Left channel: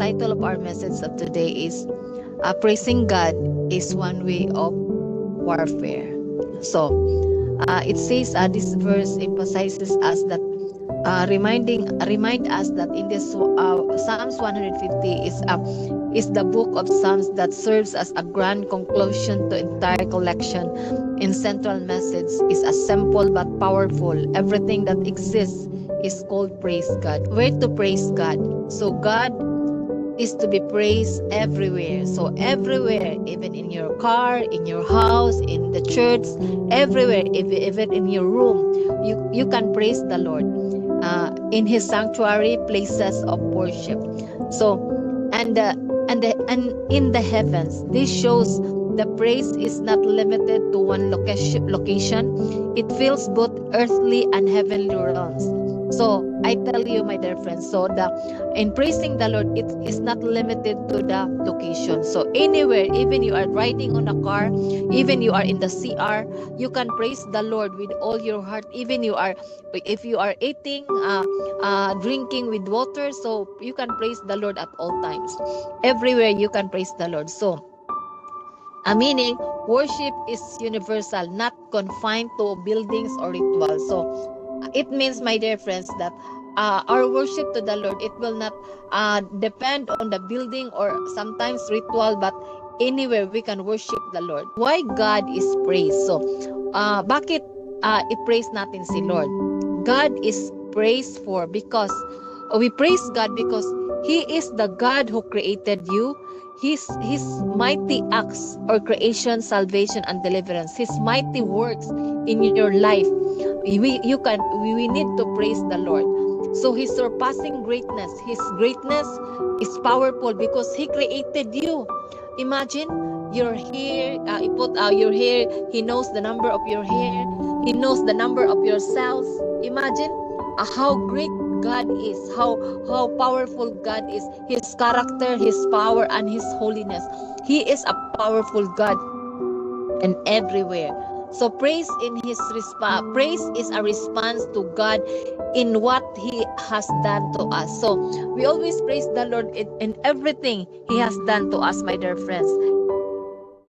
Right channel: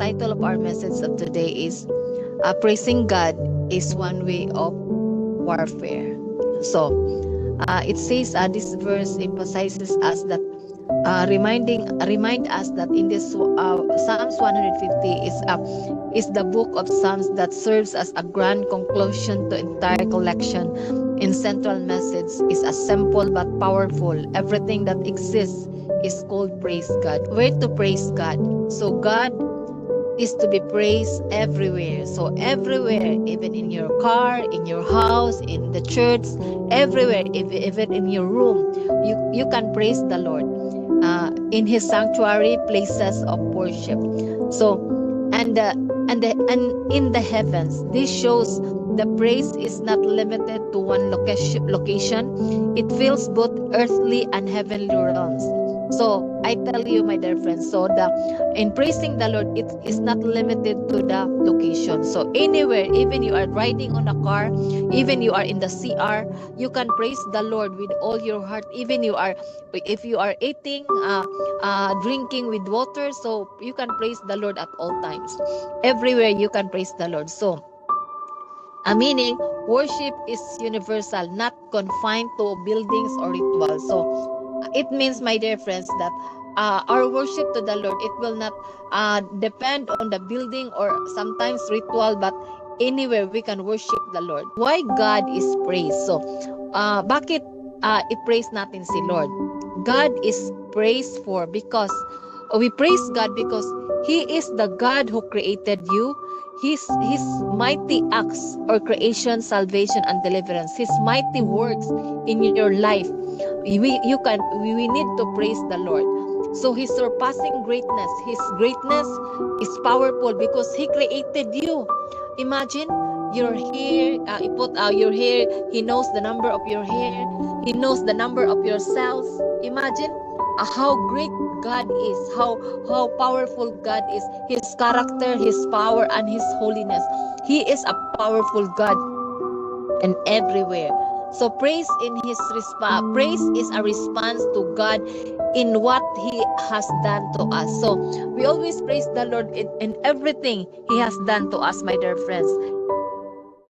title of our message of today is Praising God is One Way of Warfare. So, it says this verse emphasizes us that remind us that in this Psalms 150 is the book of Psalms that serves as a grand conclusion to entire collection. In central message is a simple but powerful. Everything that exists is called praise God. Where to praise God? So God is to be praised everywhere. So everywhere, even in your car, in your house, in the church, everywhere, even in your room, you can praise the Lord. In His sanctuary, places of worship. So, and in the heavens, this shows the praise is not limited to one location. It fills both earthly and heavenly realms. So I tell you, my dear friends, so in praising the Lord, it is not limited to the location. So anywhere, even you are riding on a car, even you are in the CR, you can praise the Lord with all your heart. Even if you are eating, drinking with water, so you can praise the Lord at all times. Everywhere you can praise the Lord. So, meaning worship is universal, not confined to buildings or rituals. So it means, my dear friends, that our worship to the Lord, it will not depend on the building or sometimes ritual, but anywhere we can worship the Lord. Why God is praised? So, bakit i-praise natin si Lord? God is praised for because we praise God because He is the God who created you. His mighty acts or creation, salvation, and deliverance, His mighty works in your life, we need to praise the Lord. So His surpassing greatness, His greatness is powerful because He created you. Imagine your hair, your hair. He knows the number of your hair. He knows the number of your cells. Imagine how great God is, how powerful God is, His character, His power, and His holiness. He is a powerful God and everywhere. So praise is a response to God in what He has done to us. So we always praise the Lord in everything He has done to us, my dear friends.